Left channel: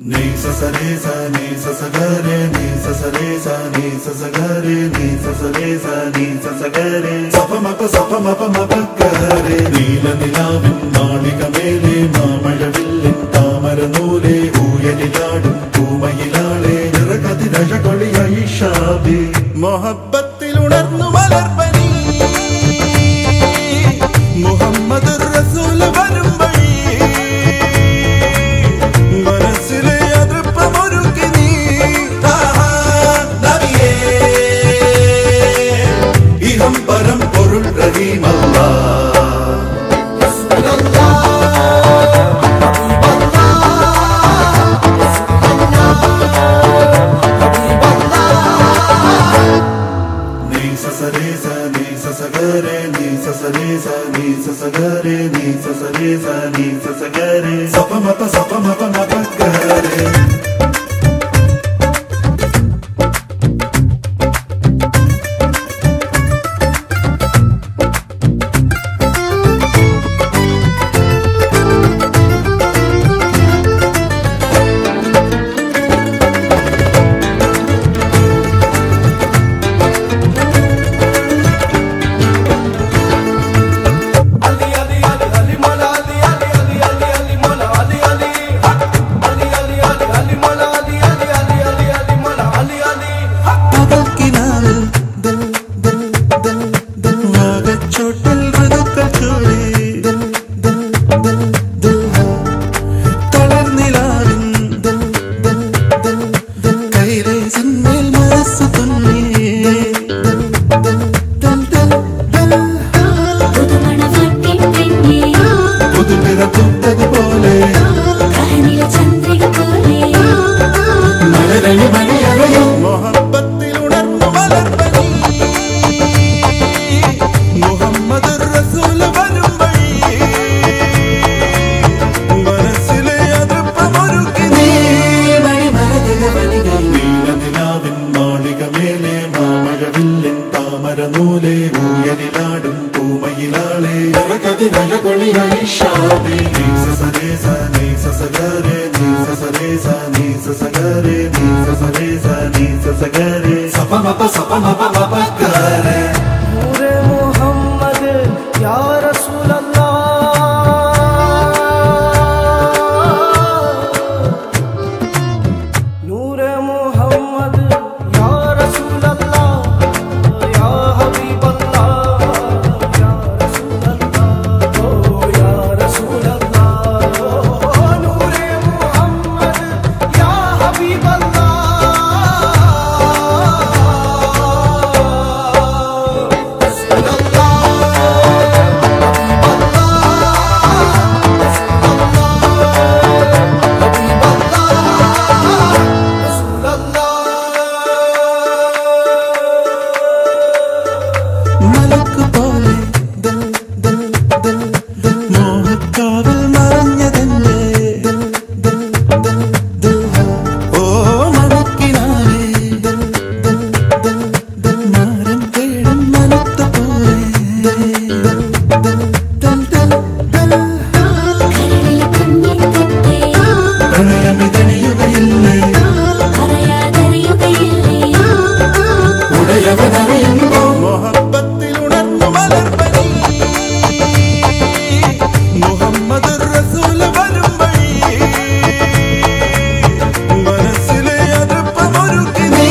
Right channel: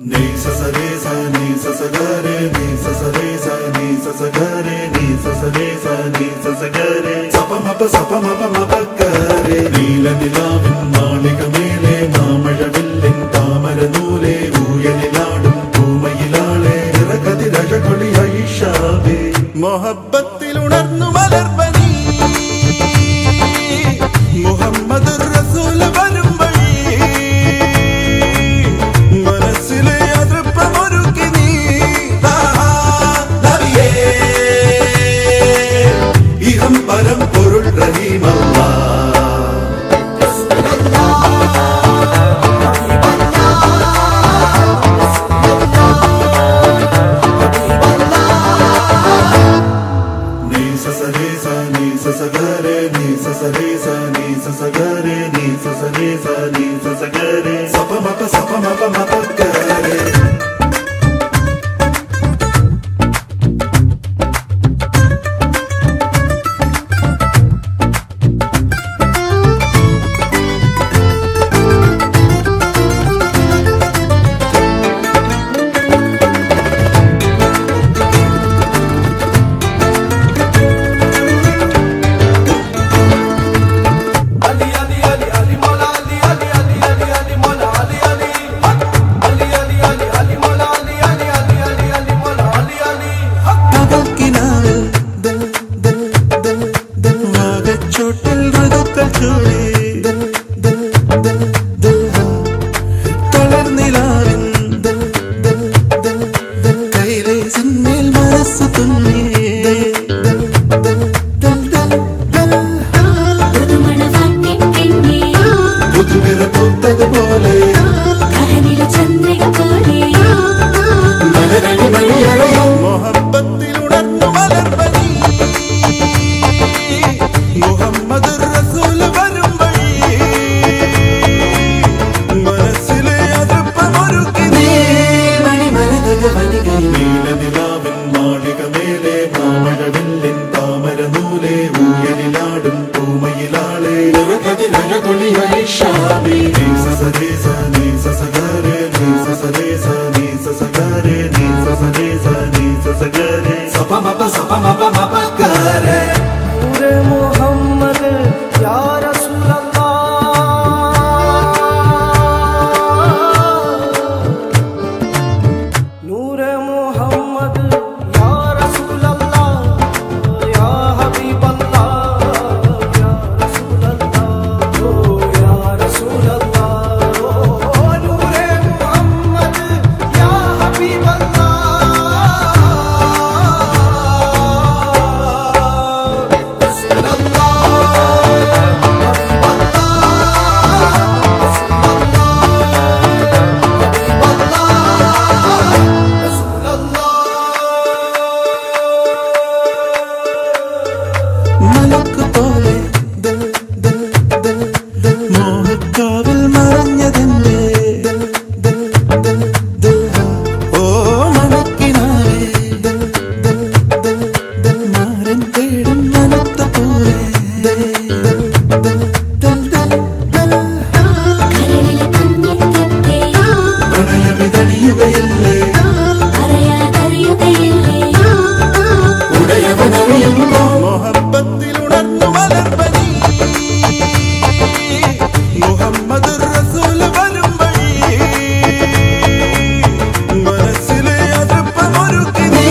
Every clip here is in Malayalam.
Ni sa sa re sa ni sa sa ga re ni sa sa re sa ni sa sa ga re ni sa sa re sa ni sa sa ga re sa pa ma pa ga re നീല നിലാവിൻ മാളികമേലെ മാമഴവില്ലിൻ താമരനൂലെ ഊയലിലാടും പൂമയിലാളെ നിറകതിരഴകൊളിയായി ഷാബി മൊഹബ്ബത്തിൽ ഉണർന്നു മലർപനി മുഹമ്മദ് റസൂൽ വരും വഴി മനസ്സിലെ അതൃപ്പമൊരുക്കി നീ നബിയേ ഇഹം പരം പൊരുൾ റഹീമല്ലാ नूरे मोहम्मद या रसूल अल्लाह नूरे मोहम्मद या रसूल अल्लाह या हबीब अल्लाह या रसूल अल्लाह ओ या रसूल अल्लाह नूरे मोहम्मद या हबीब अल्लाह മലക്ക് പോലെ ദിൽ ദിൽ ദിൽ ദിൽ മോഹക്കാവിൽ മറഞ്ഞതെന്റെ ദിൽ ദിൽ ദിൽ ദിൽ ഓ മനക്കിനാവേ ദിൽ ദിൽ ദിൽ ദിൽ മാരം തേടും മനത്ത പോലെ ദിൽ ദിൽ ദിൽ ദിൽ ദിൽ ദിൽ കരളിലെ കണ്ണിത്തത്തെ പ്രണയമിതണിയുകയില്ലേ അറിയാതറിയുകയില്ലേ ഉടയവനറിയുമ്പോ മൊഹബ്ബത്തിൽ ഉണർന്നു മലർപനി മുഹമ്മദ് റസൂൽ വരും വഴി മനസ്സിലെ അതൃപ്പമൊരുക്കി നീ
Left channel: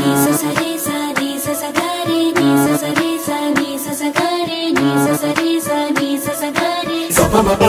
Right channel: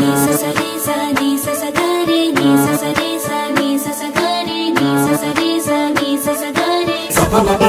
നീ സസരേ സ നീ സസഗരേ നീ സസരേ സ നീ സസഗരേ നീ സസരേ സ നീ സസഗരേ സപ മപ